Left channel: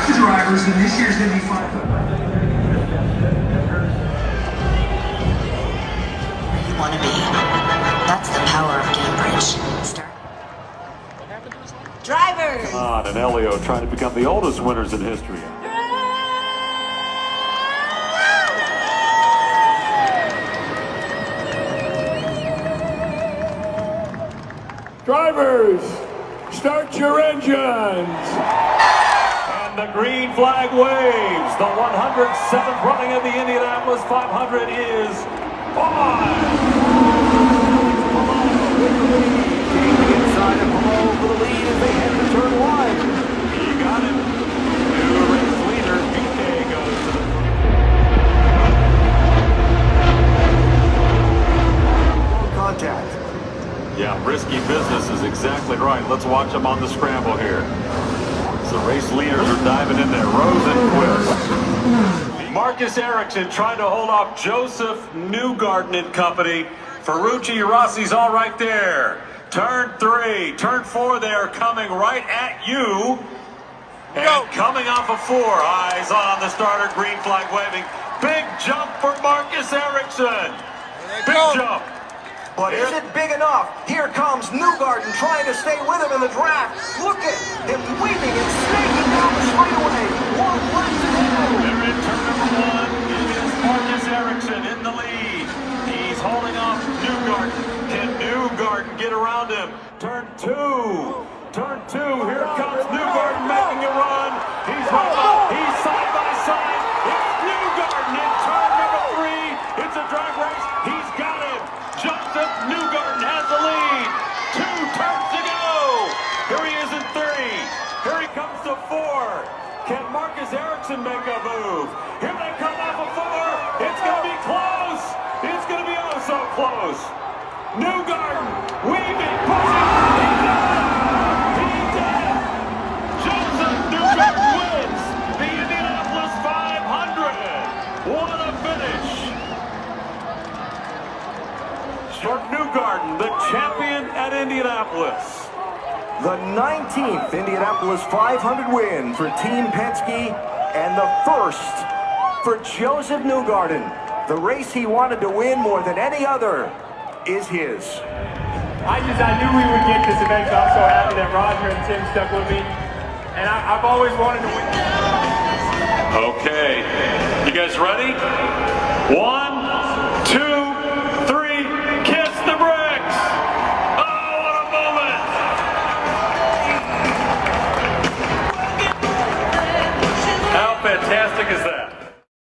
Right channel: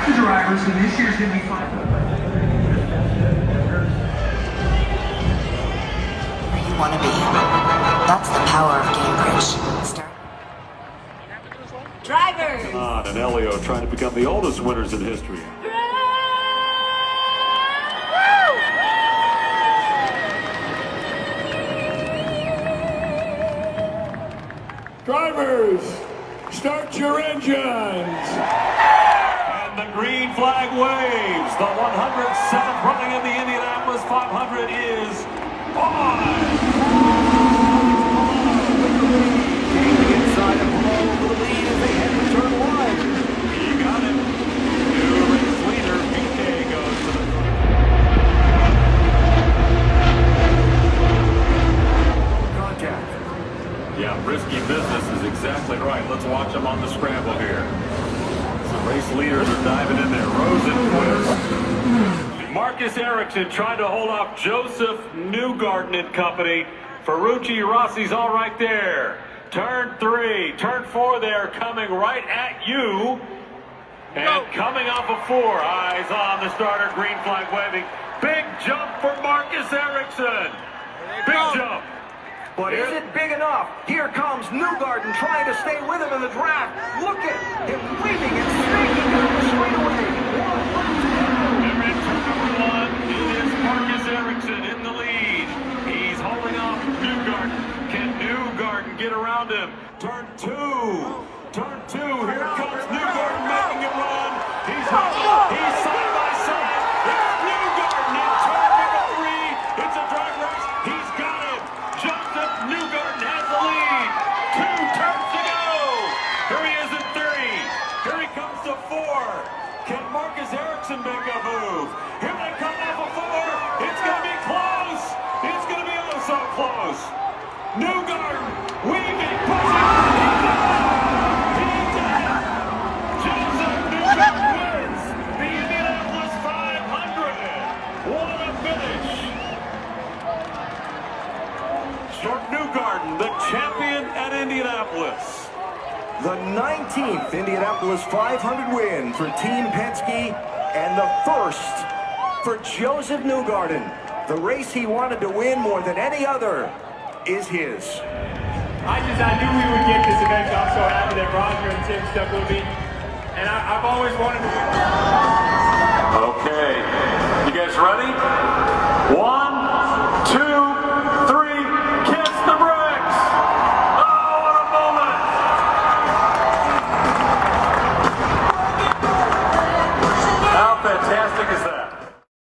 faster drivers than this year's Indy 500. You want to be. That's the power of Cambridge. Start. Drivers! Come on, and Elio trying to become the oldest winners in history. Drivers, start your engines. And the green flag waves. The 107th running of the Indianapolis 500 is on. Inside and below for the lead as they head to turn one. You got him. New race leader, BK goes to the Contact. Yeah, risky business is exactly right. Let's watch them on the scramble here. So race leaders are diving in there. Rose and Twist. Marcus Ericsson trying to hold off Joseph Newgarden and company. Ferrucci Rossi's all right there. Turn 3, turn 4, they are coming right at you. And coming off of 4, eyes on the starter, green flag waving. Big jump for Marcus Ericsson. Big jump. But is it big enough? Here comes Newgarden trying to stay with him in the draft. Look at him weaving and spinning down the straightaway. They're in turn 1. It is Marcus Ericsson in the lead. He's holding off Newgarden. Can Newgarden get around him? Turn 2. Turn 2. Here comes Newgarden making a run. He's side by side. It's Newgarden in turn number 3. It's a drag race. He's got it. Joseph Newgarden has the lead. 2 turns to go. Here he is in 3. Here he comes to 4. Can Marcus Ericsson make a move? Here they come off of 4. It's going to be close. It's going to be oh so close. Newgarden weaving, pushing. He did it. He did it. Joseph Newgarden wins the Indianapolis 500. What a finish. For Newgarden, the champion at Indianapolis. The 19th Indianapolis 500 win for Team Penske and the first for Joseph Newgarden. The race he wanted to win more than any other is his. I knew we would get this event, so I'm so happy that Roger and Tim stuck with me. And I've always wanted to win.